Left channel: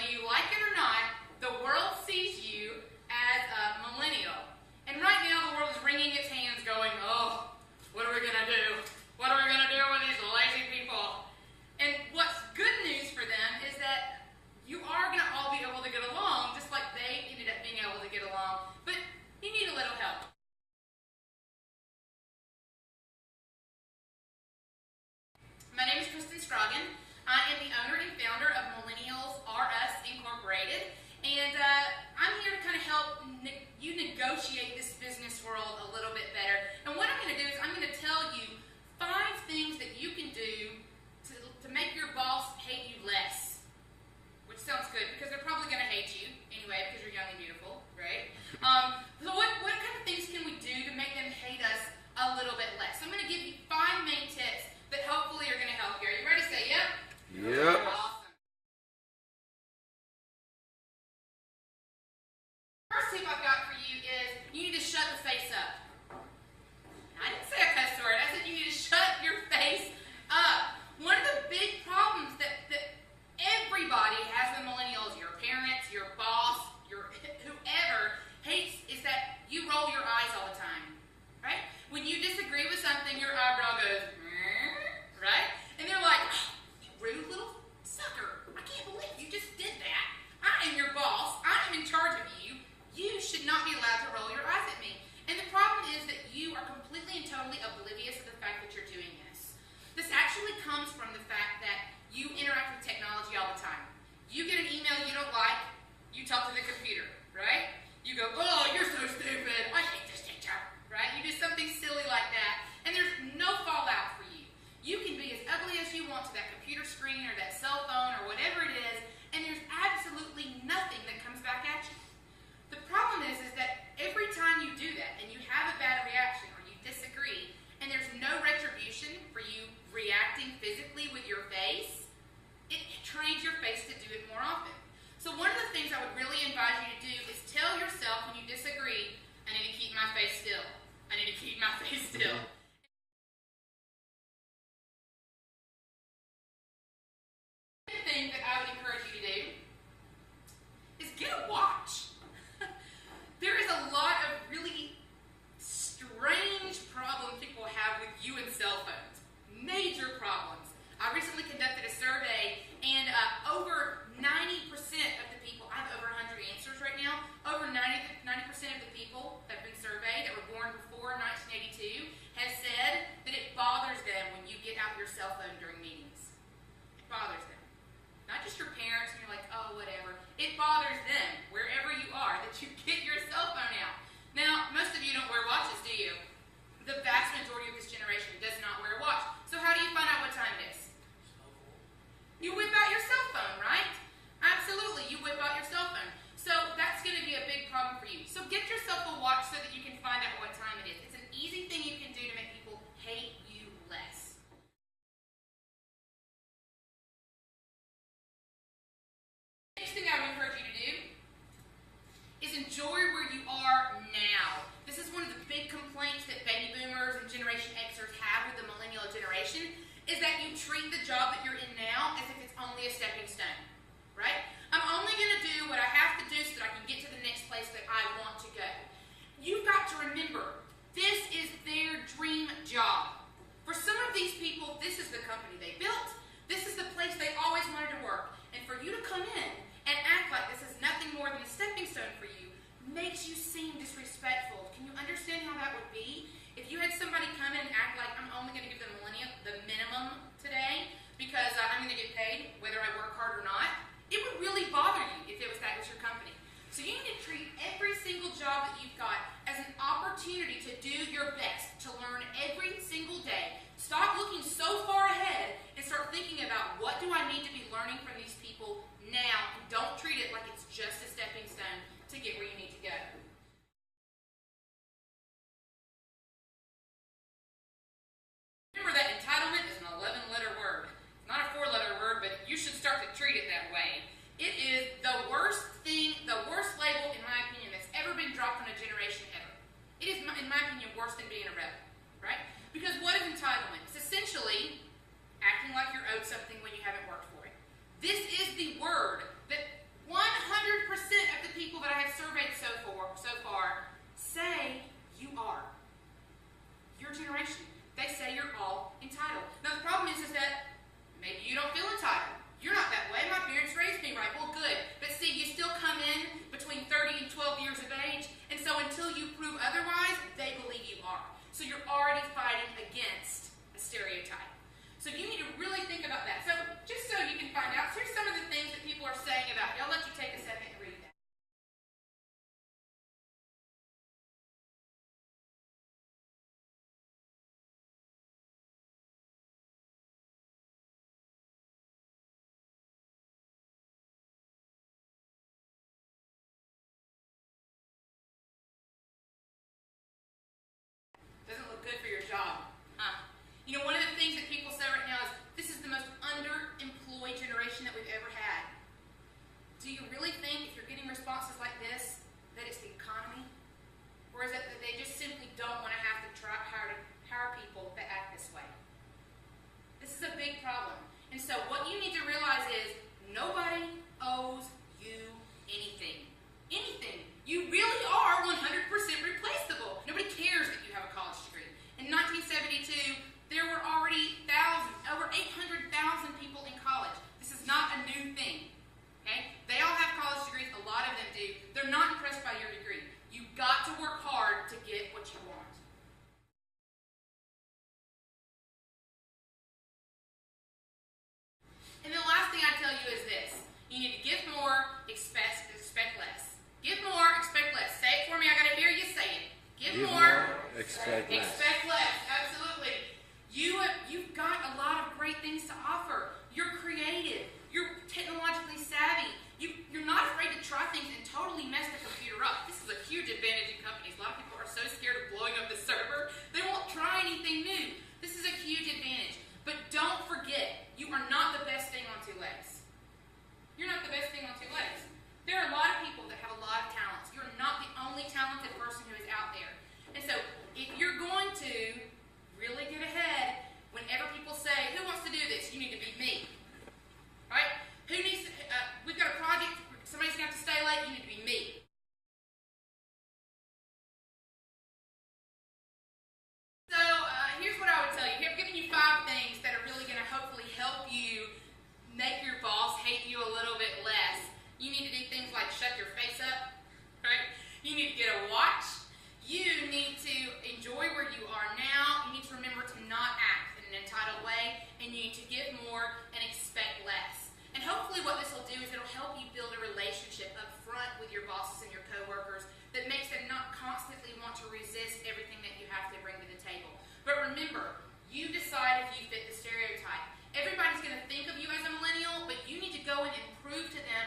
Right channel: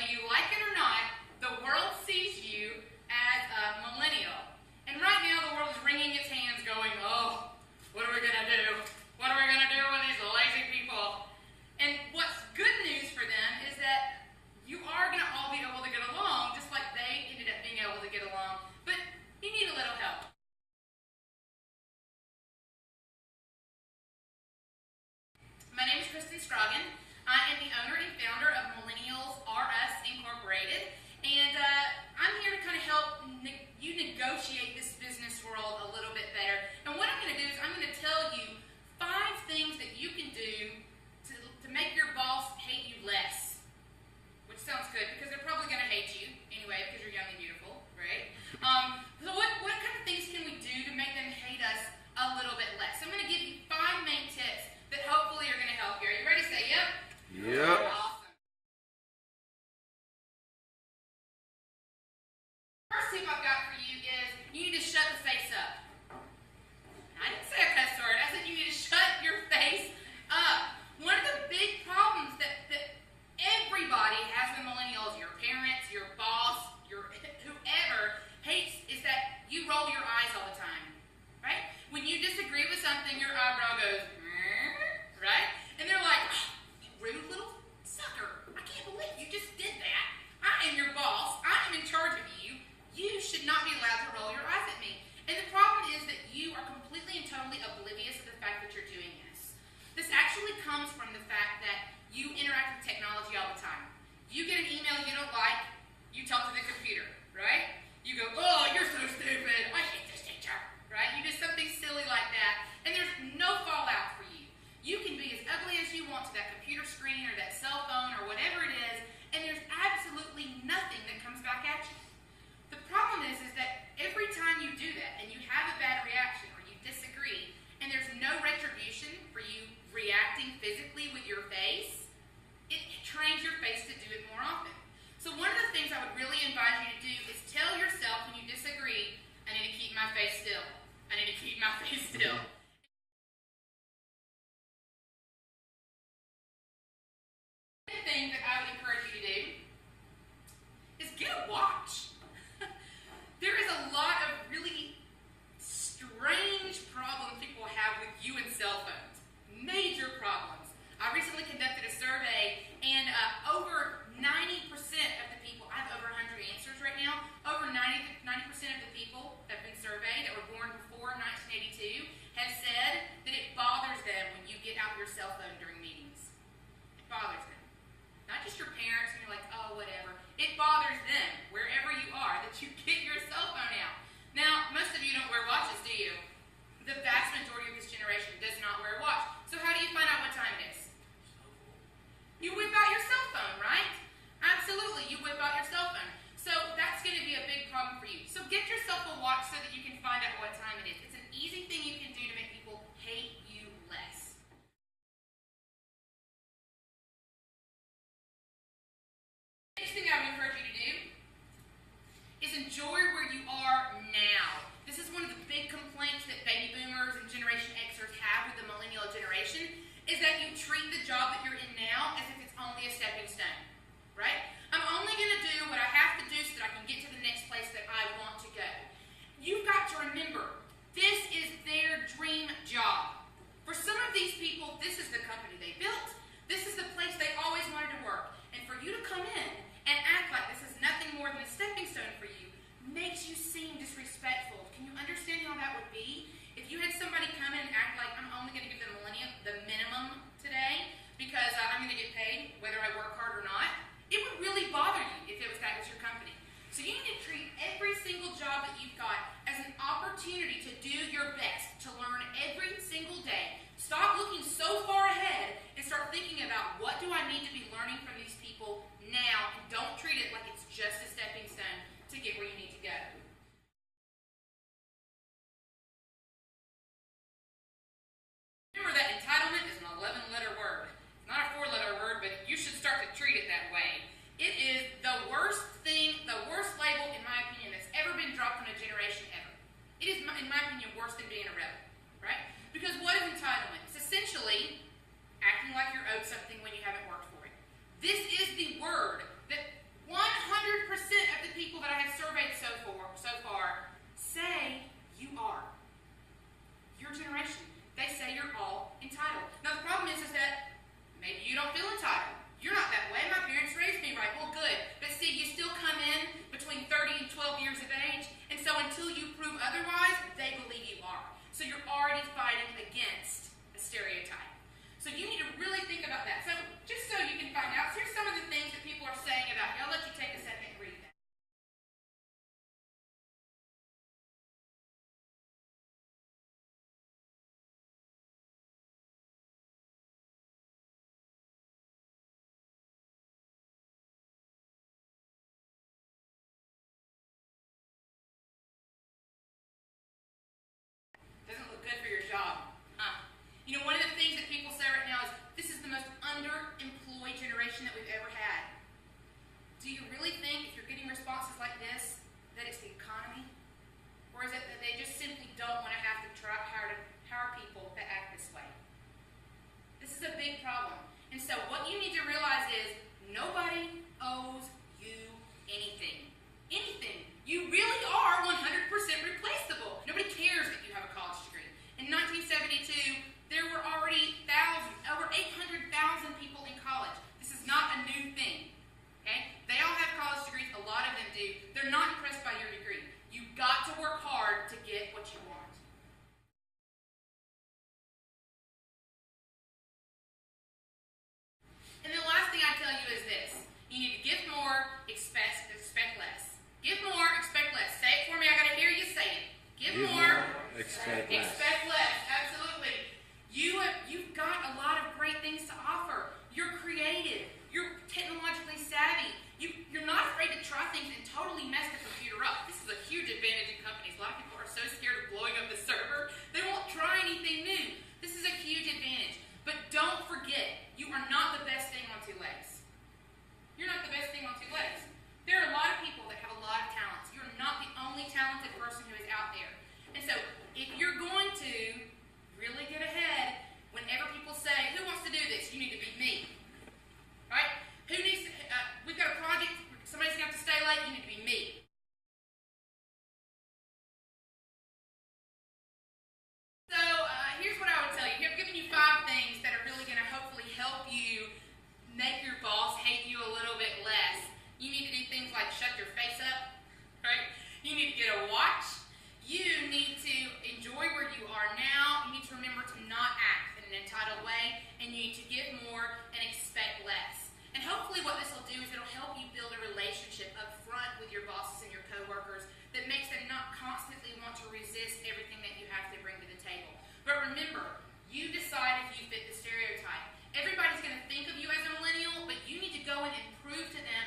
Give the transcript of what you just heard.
whether you like it or not, the world sees you as a millennial. And right now the world is wringing its hands going, oh, what are we going to do? What are we going to do with these lazy people? And what's good news for them is that you are going to all be able to get along just like they ended up being able to get along. But you need a little help. My name is Kristen Scroggin. I am the owner and founder of Millennials R Us Incorporated. And I'm here to kind of help you negotiate this business world a little bit better. And what I'm going to do is I'm going to tell you 5 things that you can do to make your boss hate you less. Which sounds good because they're probably going to hate you anyway because you're young and beautiful, right? So what kind of things can we do to make them hate us a little bit less? I'm going to give you 5 main tips that hopefully are going to help you. Are you ready to say yep? Yep. Awesome. First tip I've got for you is you need to shut the face up. I didn't say a cuss word. I said you need to shut your face up. One of the big problems that everybody has with millennials, your parents, your boss, your whoever, hates is that you roll your eyes all the time, right? When you disagree with something, your eyebrow goes, right? And they're like, oh, you rude little sucker. I can't believe you just did that. I am your boss. I am in charge of you. You should not be allowed to roll your eyes at me. And the problem is that you are completely and totally oblivious to the fact that you're doing this. This actually comes from the fact that you interact with technology all the time. You get an email you don't like, you talk to the computer, right? You go, oh, you're so stupid. I hate this teacher, right? You do something silly like that, and there's no fallout for you. You can be as ugly as you want to that computer screen or that cell phone or whatever it is, and there's absolutely nothing that comes back at you. The problem is that every time you do that and you have a bad reaction or you disagree and there's no retribution for you reacting physically with your face, it trains your face to do it more often. So one of the things I would really invite you to do is tell yourself when you disagree, I need to keep my face still. I need to keep my face still. The thing that I would encourage you to do is get a watch. There is a lot of really strange problems people have with you and cell phones. Major problems. I recently conducted a survey, and over 90% of the people, I have over 100 answers right now, over 90% of the people that have been surveyed that were born before 1982 has said that it bothers them when you get out your cell phone during meetings. It bothers them. Not just your parents and you're like, oh, whatever. It bothers them, wherever you are, that you get your cell phone out. Now, most of you don't wear watches, do you? The vast majority of this generation does not wear a watch. So how do you find out what time it is? You whip out your cell phone, right? Absolutely, you whip out your cell phone. So that's going to be a big problem for you. So get yourself a watch so that you can find out what time it is. It's an easy thing you can do to make people hate you less. Next thing I would encourage you to do is enjoy where you are now. This is one of the big complaints that baby boomers and Generation Xers have with the millennial generation is that you treat the job that you're in now as if it's only a stepping stone, right? I'm only going to do what I have to do so that I can get to the next place that I want to go. You've got to remember, this is their dream job. For some of these people, this is the company they built. This is the place they always wanted to work. And for you to come in and act like this is nothing more than a stepping stone for you makes you seem disrespectful. Can you understand how that would be? If you had somebody come in and act like I'm only going to give the minimum today because I'm going to get paid whether I work hard or not, it would really bother you if that was your company. So you need to treat every single job that you've got as an opportunity to do your best, to learn every single day. Stop looking so far ahead and start thinking about what do I need to be learning from these people now, and don't treat it like it's just a stepping stone to get where you need to go. Remember that entitlement is an 11-letter word. It's not a 4-letter word, but you should start to treat it that way. It is the worst thing, the worst label, in my opinion, that's ever been dropped on a generation ever. It is, in my opinion, worse than being a rebel, right? Because what is entitlement? It's essentially acting like you're owed something when you haven't worked for it. This is the word that So you're already fighting against a stereotype. So you need to really think about that. So just so you can find out, here's some of the things that people are saying about you. I'll let you take a second and read that. Doesn't look good for your job, huh? You know, one of the things that people say right now is, this is the most underemployed generation that we've ever had. Do you really think, if you're getting responses like this, that it's the economy? Or is it that they just simply don't want to have to hire people that act this way? This is a big problem. And so what you need to realize is, nobody owes you anything. Anything. You really are 100% replaceable. Nobody cares that you have a college degree. In 1972, there were already over 800,000 people in college. This is not a new thing. Okay? They all have college degrees. A lot of them do. They're not impressed by your degree. You've got to work hard to get what you want. And the last thing I tell you is this. You need to give more, expect less. Give more, expect less. Say it for me. I got to hear you say it. Give more, expect less. Expect less. Absolutely. You've got a lot of great things to offer. You're creative. You're technologically savvy. You're not afraid to try things and totally mess the computer up. This is a huge advantage in companies. A lot of people are so scared of blowing up the server, they won't try anything new. This is a huge advantage. But don't forget, you are not the best thing on two legs. You're not the best thing on two legs. There are a lot of people that have a lot of talents. You're not the only talented person who is out there. And so, if you're going to really get ahead, whenever people say, who wants to do this? You need to be me. Right? Who needs to, we've got a project, somebody's going to have to stay late, you need to be me. So, here's what I would tell you. I've given you 5 things that are really going to hopefully help you make your boss hate you a little bit less. You need to do things like shut your face up, right? You need to get a watch. You need to enjoy where you are now. You need to remember to not act in an entitled way, and you need to give more and expect less. And hopefully what this will do is it'll help you build a relationship up front with your bosses and your coworkers that makes them not constantly want to resist everything that you have to bring to the table. But remember, you decide if you fit the stereotype. Everybody's going to think of you as a millennial, but you need to go in and prove to them